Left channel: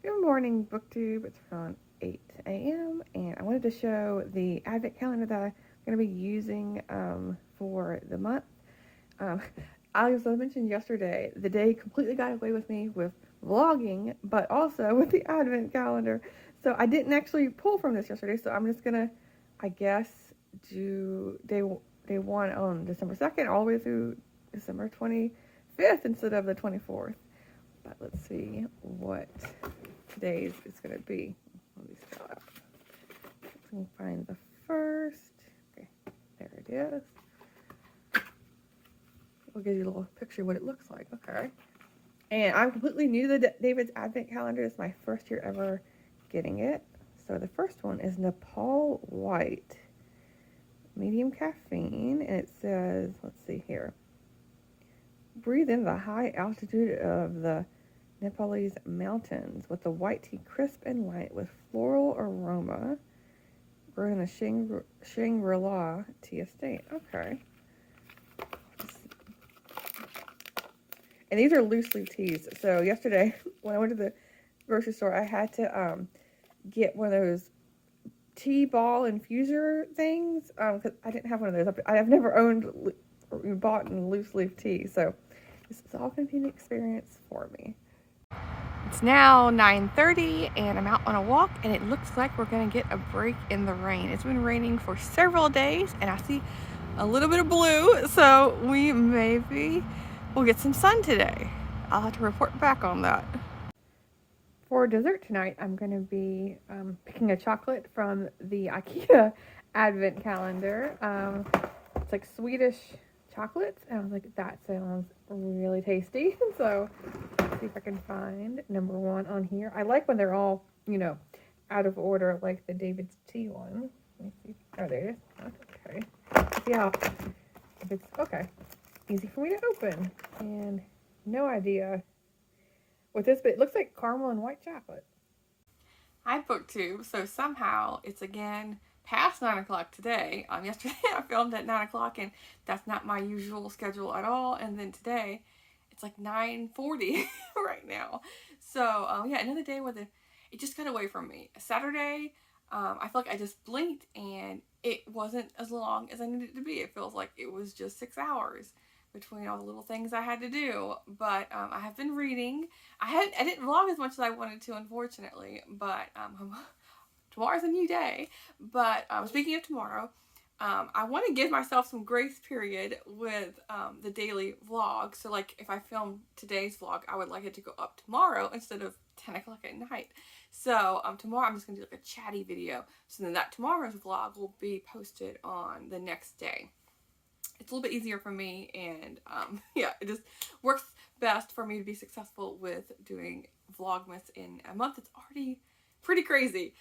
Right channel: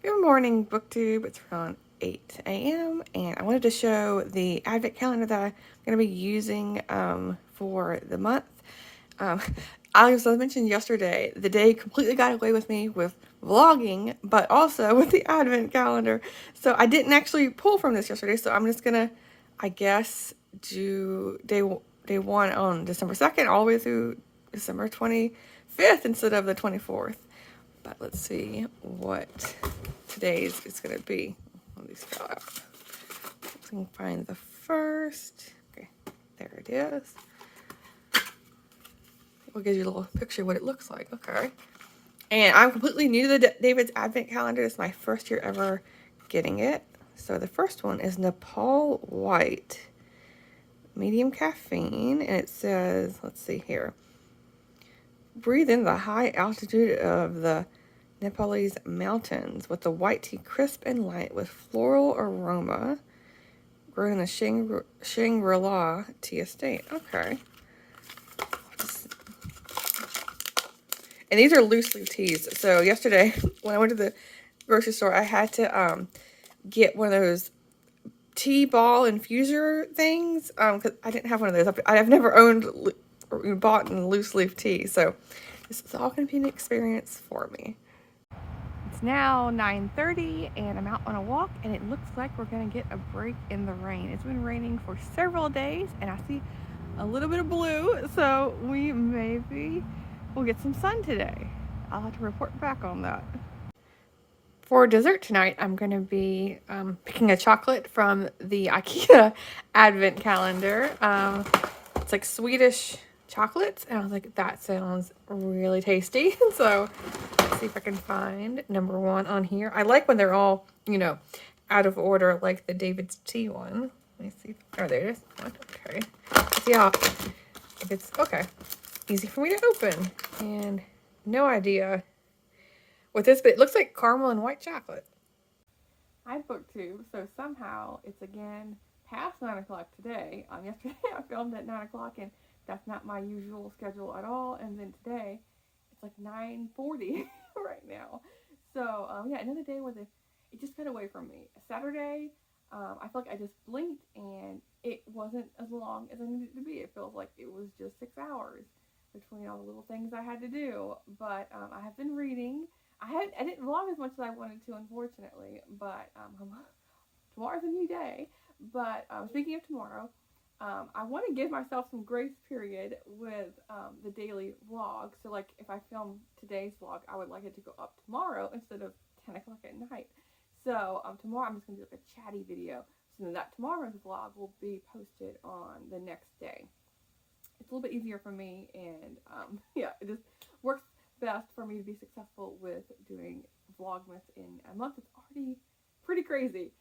Good morning, BookTube. It's around 8 a.m. and I wanted to show the advent calendar that I'm going to be using for the month. Um, as I mentioned yesterday, the day completely got away with me with vlogging, but also with the advent calendar. So I didn't actually pull from this yesterday, so I'm just going to, I guess, do day one on December 2nd all the way through December 25th instead of the 24th. But let's see what today's is going to be. Let me scroll out. So I can find the first. Okay, there it is. We'll give you a little picture of what it looks like. Okay. And I'm completely new to the David's Advent Calendar. It's my first year ever getting it. So the first one is Nepal White, medium caffeine, and it says, let's see here, breathe in the high altitude of the Nepalese mountains with the white tea crisp and light with floral aroma, grown in the Shangri-La Tea Estate. Okay. And these are loose leaf teas. So yesterday when I went to the grocery store, I had to get one of those tea ball infuser things because I didn't have one of those. I've never owned or bought in loose leaf tea. So this is all going to be an experience for me. It's now 9:30 and I'm out on a walk and it looks like we're gonna get a break in the rain. It's been raining for several days and I see a little bit of blue, so we'll get some sun today. I'll have to report back on that. For dessert tonight, I'm gonna be picking a chocolate from the IKEA advent calendar. It's like Swedish chocolates, and I was like, that sounds really tasty. So let's see if I can find number one on here. I like when they're all, out of order, like the David's Tea one. Let me see. Oh, there it is. Okay. See how, if it's, okay. Easy for me to open. And no idea what this, but it looks like caramel and white chocolate. Hi, BookTube. So somehow it's again past 9 o'clock today. Yesterday I filmed at 9 o'clock and that's not my usual schedule at all. And then today it's like 9:40 right now. So yeah, another day where it just got away from me. Saturday, I feel like I just blinked and it wasn't as long as I needed it to be. It feels like it was just 6 hours between all the little things I had to do. But I have been reading. I didn't vlog as much as I wanted to, unfortunately. But tomorrow's a new day. But speaking of tomorrow, I want to give myself some grace period with the daily vlog. So like if I film today's vlog, I would like it to go up tomorrow instead of 10 o'clock at night. So tomorrow I'm just going to do like a chatty video. So then that tomorrow's vlog will be posted on the next day. It's a little bit easier for me, and yeah, it just works best for me to be successful with doing Vlogmas in a month. It's already pretty crazy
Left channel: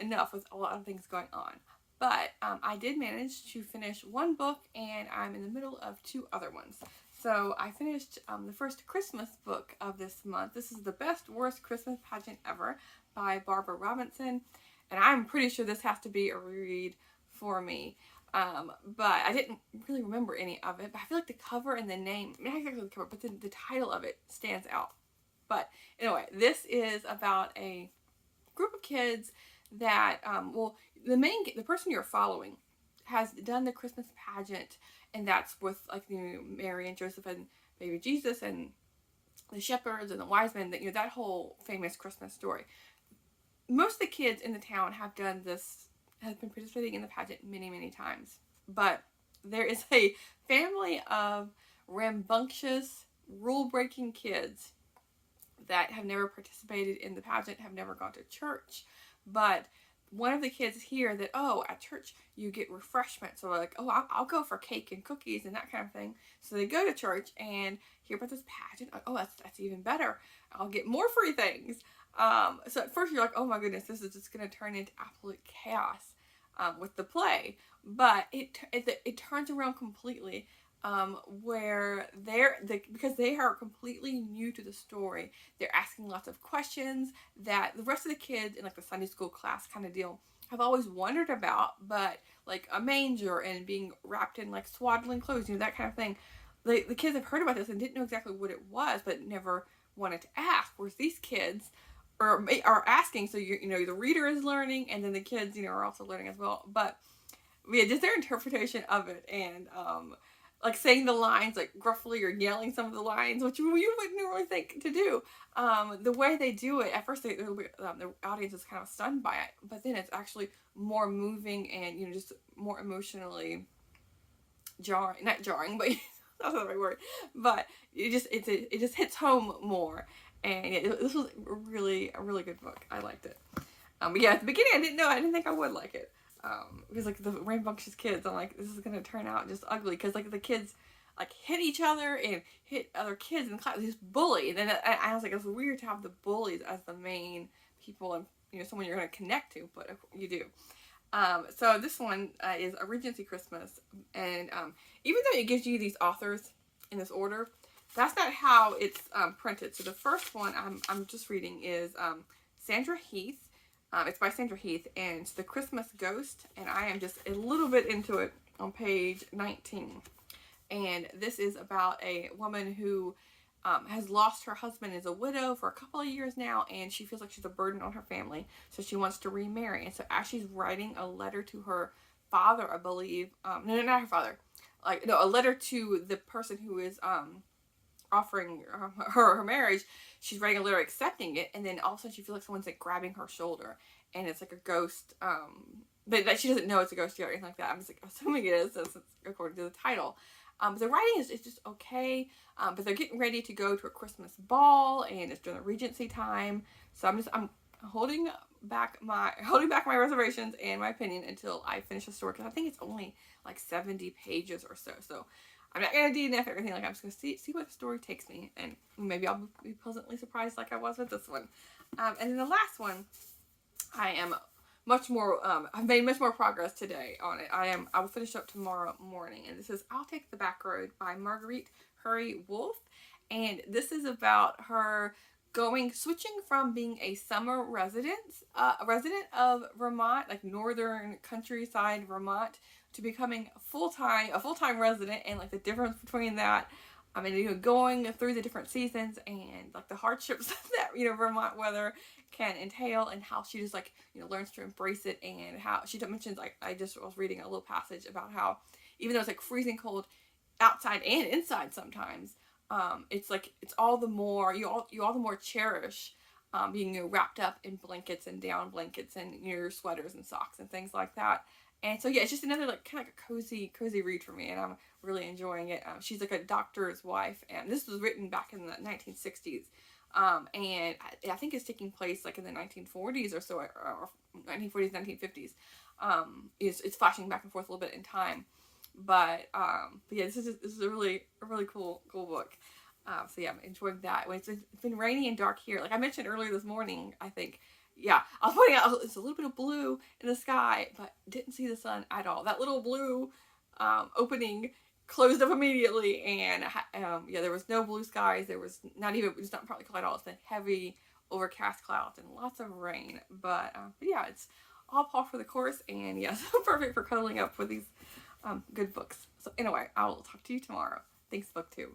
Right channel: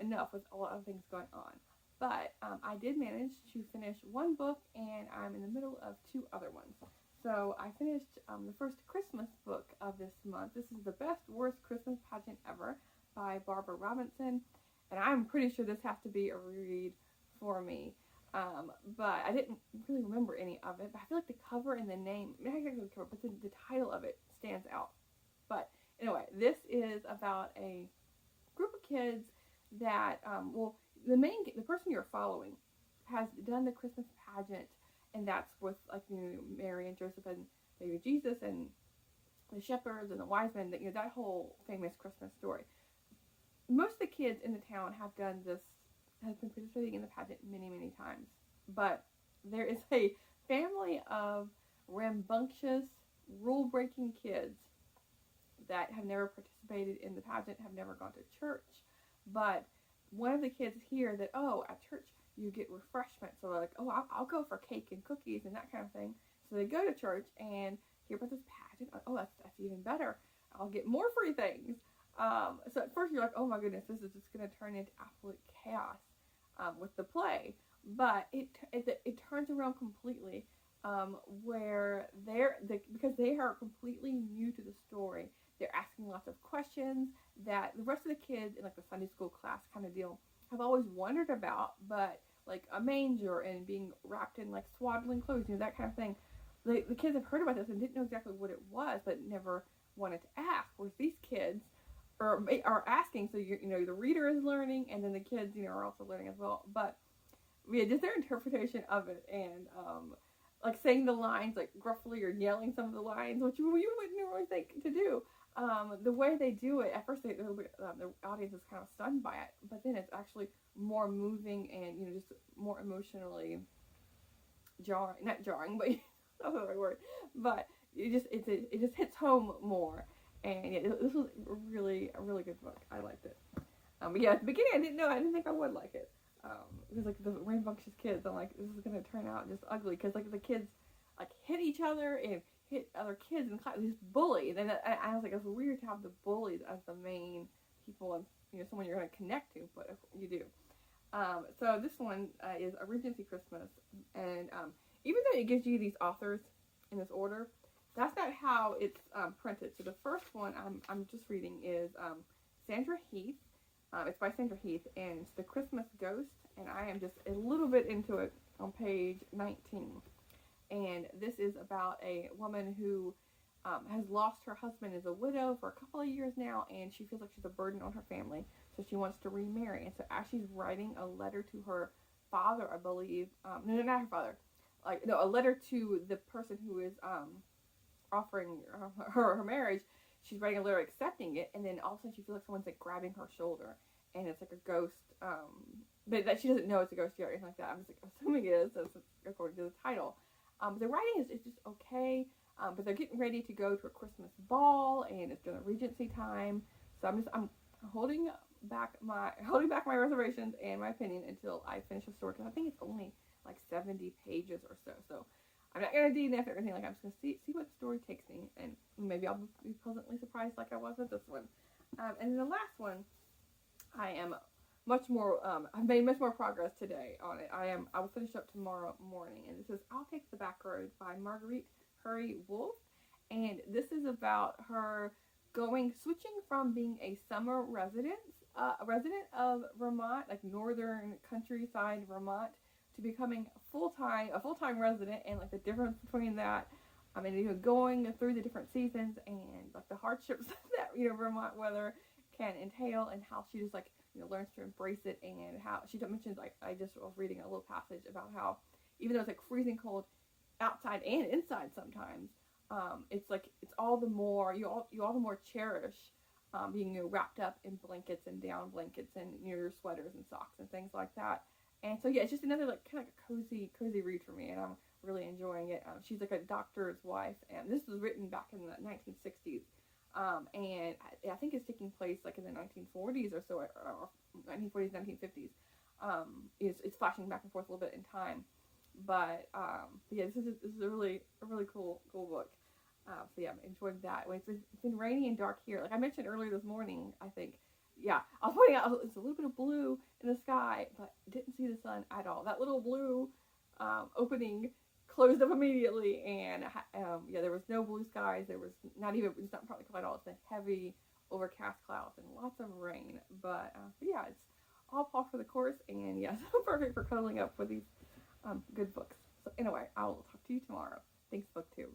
enough with a lot of things going on. But I did manage to finish one book, and I'm in the middle of two other ones. So I finished the first Christmas book of this month. This is The Best Worst Christmas Pageant Ever by Barbara Robinson, and I'm pretty sure this has to be a reread for me. But I didn't really remember any of it. But I feel like the cover and the name, not exactly the cover, but the title of it stands out. But anyway, this is about a group of kids that, well, the person you're following has done the Christmas pageant, and that's with like Mary and Joseph and baby Jesus and the shepherds and the wise men. That whole famous Christmas story. Most of the kids in the town have done this, have been participating in the pageant many, many times. But there is a family of rambunctious, rule-breaking kids that have never participated in the pageant, have never gone to church. But one of the kids hear that, oh, at church you get refreshments. So like, oh, I'll go for cake and cookies and that kind of thing. So they go to church and hear about this pageant. Like, oh, that's even better. I'll get more free things. So at first you're like, oh my goodness, this is just going to turn into absolute chaos with the play. But it turns around completely, where because they are completely new to the story, they're asking lots of questions that the rest of the kids in like the Sunday school class kind of deal have always wondered about, but like a manger and being wrapped in like swaddling clothes, that kind of thing. The kids have heard about this and didn't know exactly what it was, but never wanted to ask. Whereas these kids are asking. So you know, the reader is learning, and then the kids, you know, are also learning as well. But yeah, just their interpretation of it, and like saying the lines like gruffly or yelling some of the lines, which you wouldn't really think to do. The way they do it, at first the audience is kind of stunned by it, but then it's actually more moving and, you know, just more emotionally jarring, not jarring, but that's not the right word, but it just hits home more. And yeah, this was a really good book. I liked it. But yeah, at the beginning I didn't think I would like it. Because like the rambunctious kids, I'm like, this is gonna turn out just ugly, because like the kids like hit each other and hit other kids in class, just bully. And then I was like, it's weird to have the bullies as the main people, and, you know, someone you're gonna connect to, but you do. So this one is A Regency Christmas, and even though it gives you these authors in this order, that's not how it's printed. So the first one I'm just reading is Sandra Heath. It's by Sandra Heath, and it's The Christmas Ghost, and I am just a little bit into it on page 19. And this is about a woman who has lost her husband, is a widow for a couple of years now, and she feels like she's a burden on her family, so she wants to remarry. And so as she's writing a letter to her father, I believe, no, not her father, like, no, a letter to the person who is offering her marriage, she's writing a letter accepting it, and then all of a sudden she feels like someone's like grabbing her shoulder, and it's like a ghost, but that she doesn't know it's a ghost yet or anything like that. I'm just like assuming it is, since it's according to the title. The writing is just okay, but they're getting ready to go to a Christmas ball, and it's during the Regency time, so I'm holding back my reservations and my opinion until I finish the story, because I think it's only like 70 pages or so. So I'm not gonna DNF everything. Like, I'm just gonna see what the story takes me, and maybe I'll be pleasantly surprised, like I was with this one. And then the last one, I am much more. I've made much more progress today on it. I will finish up tomorrow morning, and this is "I'll Take the Back Road" by Marguerite Hurry Wolf, and this is about her switching from being a summer resident of Vermont, like northern countryside Vermont, to becoming a full-time resident, and like the difference between that. I mean, you know, going through the different seasons and like the hardships that, you know, Vermont weather can entail, and how she just, like, you know, learns to embrace it, and how she mentions, like, I just was reading a little passage about how even though it's like freezing cold outside and inside sometimes, it's like it's all the more you all the more cherish being, you know, wrapped up in blankets and down blankets and, you know, your sweaters and socks and things like that. And so yeah, it's just another like kind of like a cozy read for me, and I'm really enjoying it. She's like a doctor's wife, and this was written back in the 1960s. And I think it's taking place like in the 1940s or so, or 1940s, 1950s. It's flashing back and forth a little bit in time, but yeah, this is a really cool book. So yeah, I'm enjoying that. It's been rainy and dark here. Like I mentioned earlier this morning, I think. Yeah, I was pointing out it's a little bit of blue in the sky, but didn't see the sun at all. That little blue opening closed up immediately, and yeah, there was no blue skies. There was it's not partly cloud at all. It's been heavy overcast clouds and lots of rain. But yeah, it's all par for the course, and yeah, so perfect for cuddling up with these good books. So anyway, I will talk to you tomorrow. Thanks, BookTube.